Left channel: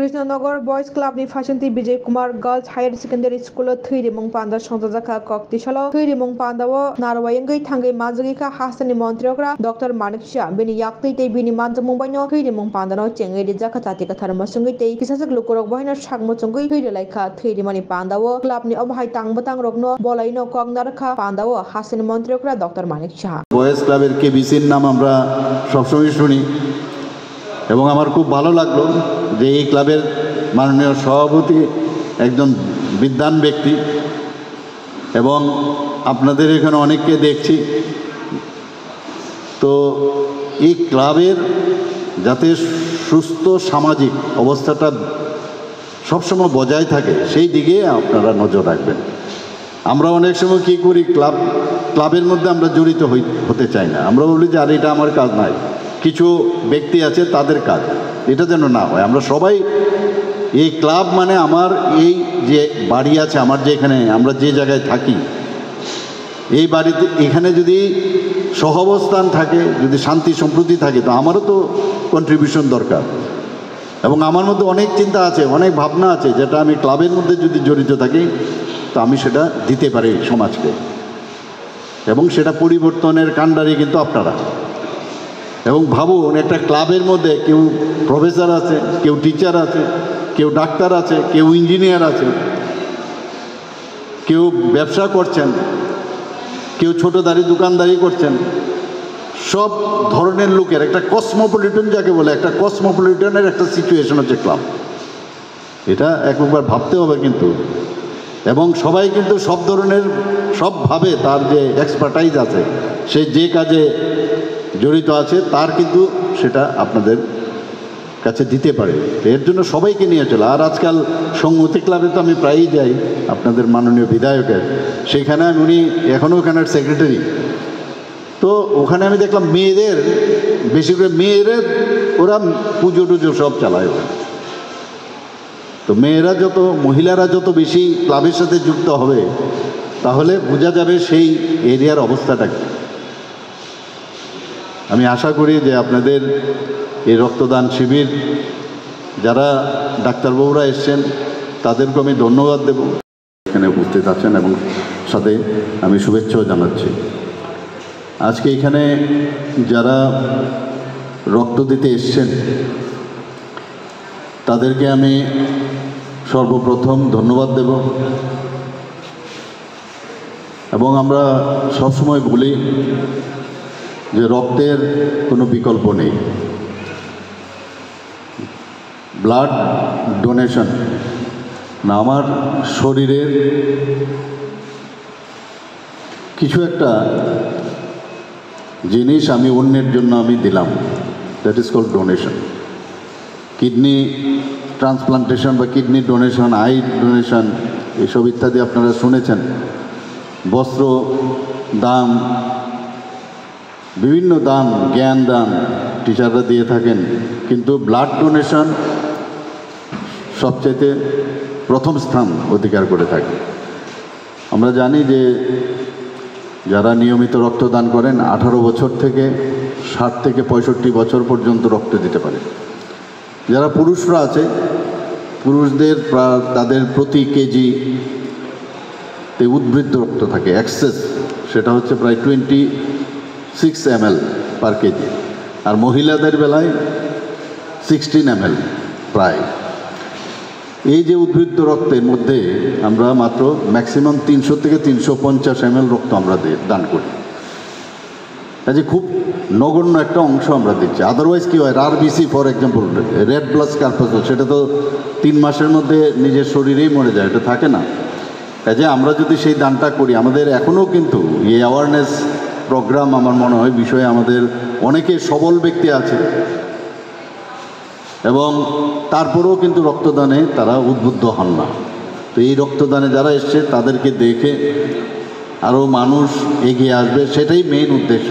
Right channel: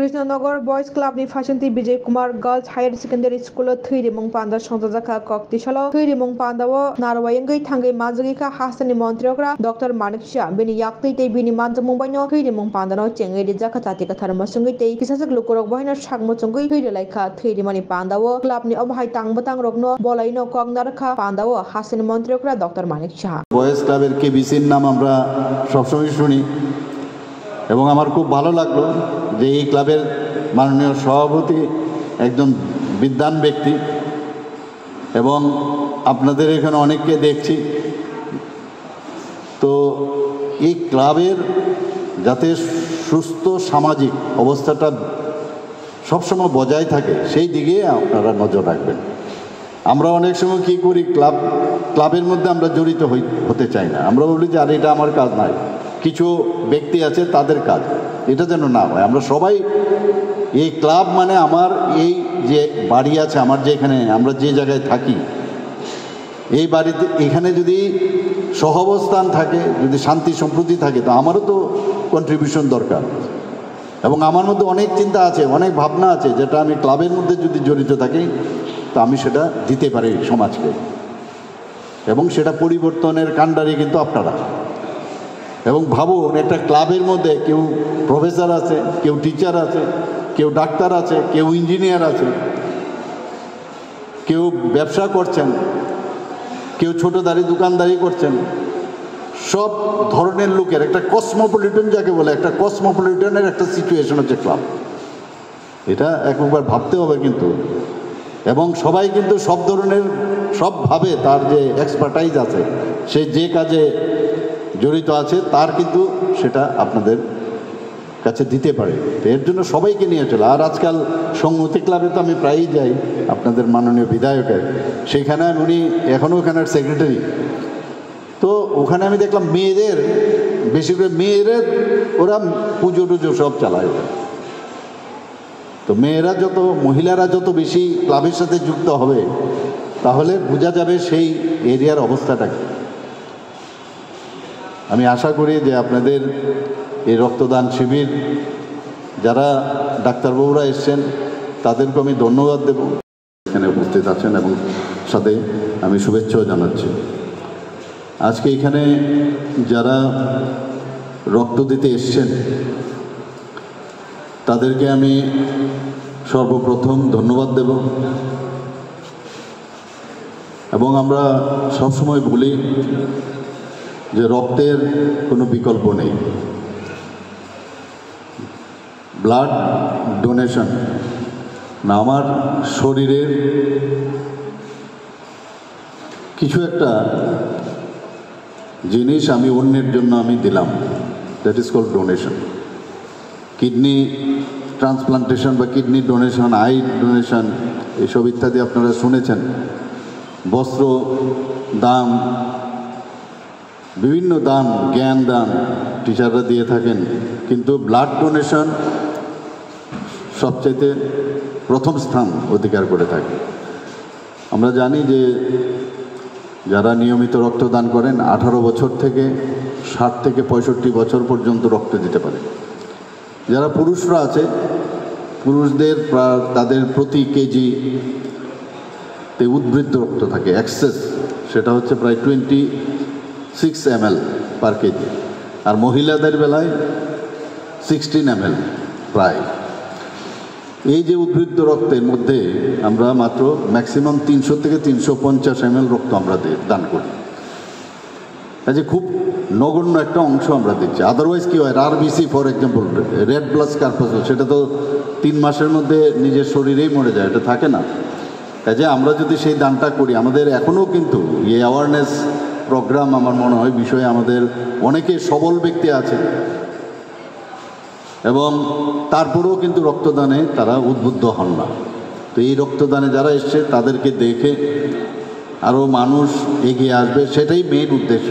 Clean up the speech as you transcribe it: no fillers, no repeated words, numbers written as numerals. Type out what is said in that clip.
Krishnanagar boys club नि फाइसन्ति Vijay Kumar girls higher secondary school थैरिमुं पान्दा संजाजाखा कक्तिशालो थैरिमुं पान्दाओ नारवायंगै थांगै माजगिखा हासनि मन्त्रियोग्रा डॉक्टर मानिक शाह बिनि याक्तै तै बिनि मानजमुंबायनो थैरिमुं पान्दानो चेंगै रिजाखा तातिका थारमसुंगै तै किसासक लुकुरक बहायनो सागमुचुंगै थैरिलायखा थैरिमानि पान्दाओ क्लबनि अबहाय तांबतां रगनो बलायनो कगनारखा पान्दाओ हासनि मन्त्रियोग्रा डॉक्टर मानिक शाह बॉयज क्लाबेर केबिसिर नाम আমরা সবসময় শুনি এবং আমার খুব ভালো লাগলো যে এই ক্লাবের মাননীয় সভাপতি একজন বিদ্বান ব্যক্তি এবং আপনাদের এখানে অনেককে দেখছি তো এই ক্লাবের যাতে সুস্থ সামাজিক অবস্থাটা সবসময় বজায় থাকে সেই দিকে আপনারা নজর রাখবেন। আমরা অনেক সময় কী করি ক্লাবের মধ্যে আমরা জড়িত হতে চাই না, আমরা বলি যে আর এটা আমার কাজ নাই, কিছু ব্যক্তি আছে তাদের কাজ, এটা যেন না হয়। আমরা সবাই এই ক্লাব মানে আমার এই যে বাড়ি আছে আমার যে এখানে আমরা যে জায়গায় থাকি এই বাড়িতে এখানে যদি সহাবস্থান থাকে, যদি শান্তি সম্প্রীতি থাকে তো আমারও তো কন্ট্রিবিউশন দরকার এবং আমার মধ্যে অনেক চিন্তা আছে, অনেক ভাবনা আছে যেটা আমি ক্লাবের মধ্যে যদি জড়িত থাকি তো আমি সেটা দিতে পারি সমাজকে এবং সেটা পরিবর্তনের কাণ্ডারি কিন্তু আপনারা। এবং ভাবুন একটা ক্লাবের মধ্যে কেউ প্রফেসর আছে, কেউ টিচার আছে, কেউ ডাক্তার আছে, কেউ ইঞ্জিনিয়ার আছে, কেউ ব্যবসা করছেন, কেউ ছোটোদারি দোকানদারি করছেন, সব ধরনের লোকের একটা কসমোপলিটন যাকে বলে একটা কসমোপলিটনের একটা সিচুয়েশন হচ্ছে ক্লাব। এটা একবার ভাবতে হবে কিন্তু, এবং সবাই কিন্তু সব ধরনের সবভাবে তার যে এক্সপার্টাইজ আছে সে যে কাজে জড়িত আছে তার কিন্তু সেটা আপনাদের কাছে দিতে পারে, এর জন্য সবাইকে নিয়ে চলে। আর আজকাল সংহতি ক্লাবে তো আমি প্রায়ই যাই আপনাদের মাননীয় বিধায়কের, সেখানে উনি এখনও ওখানের সেক্রেটারি, তো ওখানে আমি দেখলাম মেয়েদের বেশি করে মেয়েদের ওরা পুজো টুজো সব চালায়। তো মেয়েরা যত মহিলারা যত বেশি ক্লাবের সাথে যুক্ত হবে তাহলে বোঝা যাবে সেই এরিয়ার অবস্থাটা কি। আমি আশা করি যে আপনাদের এই রক্তদান শিবির যারা ডাক্তারবাবুরা এসছেন তাদেরকে আমি ধন্যবাদ দেব, এখানে উপস্থিত আছেন এবং সাথে আমি শুভেচ্ছাও জানাচ্ছি। আজকে এখানে যারা রক্ত দিতে এসছেন তাদেরকে আমি সর্বপ্রথম ধন্যবাদ দেব এবং আমরা সবসময় বলি যে রক্তের কোনো বিকল্প নেই। ব্লাড ডোনেশন না আমার শরীরের কিছু একটা জিনিস আমি অন্যের জন্য আমি দিলাম, that is called donation. Kidney transplantation বা কিডনি ডোনেশন, আই ডোনেশন এসব ইত্যাদি আপনারা শুনেছেন, বস্ত্র দান, বিভিন্ন দান, জ্ঞান দান টিচাররা দিয়ে থাকেন, কিন্তু ব্লাড ডোনেশন সবচাইতে প্রথম স্থান অধিকার করে থাকে। আমরা জানি যে যারা নিয়মিত রক্তদান করেন 18 বছর থেকে 60 থেকে 65 বছর পর্যন্ত রক্ত দিতে পারে। যারা পুরুষরা আছে পুরুষদের তাদের প্রতি কেজিতে উদ্বৃত্ত রক্ত থাকে এক্সেস, সেটা হচ্ছে প্রায় 26 ml পার কেজি, আর মহিলাদের বেলায় 16 ml প্রায়। এই যে উদ্বৃত্ত রক্তের মধ্যে আমরা মাত্র ম্যাক্সিমাম 300 থেকে 350 ml রক্ত আমরা দান করি, কাজে খুব নগণ্য একটা অংশ আমরা দিচ্ছি। আদারওয়াইজ কী হয়, RBC for example red blood corpuscle সেটা তো 3 মাসের মধ্যে নিজের শরীরেই মরে যায়, এটা থাকে না। কাজে আমরা যদি সেই দানটা করি, আমাদের এখনও কিন্তু এই অ্যাওয়ারনেস প্রোগ্রাম আমার মনে হয় বিষয়ে আমাদের অনেকে সবল ব্যক্তি আছে এবং তারপরেও কিন্তু রক্তদানে তারা উদ্বুদ্ধ হন না। তো এই রক্তদানে যারা এসছে তাদেরকে দেখে আরও মানুষ এগিয়ে আসবে, সেটাই মেইন উদ্দেশ্য।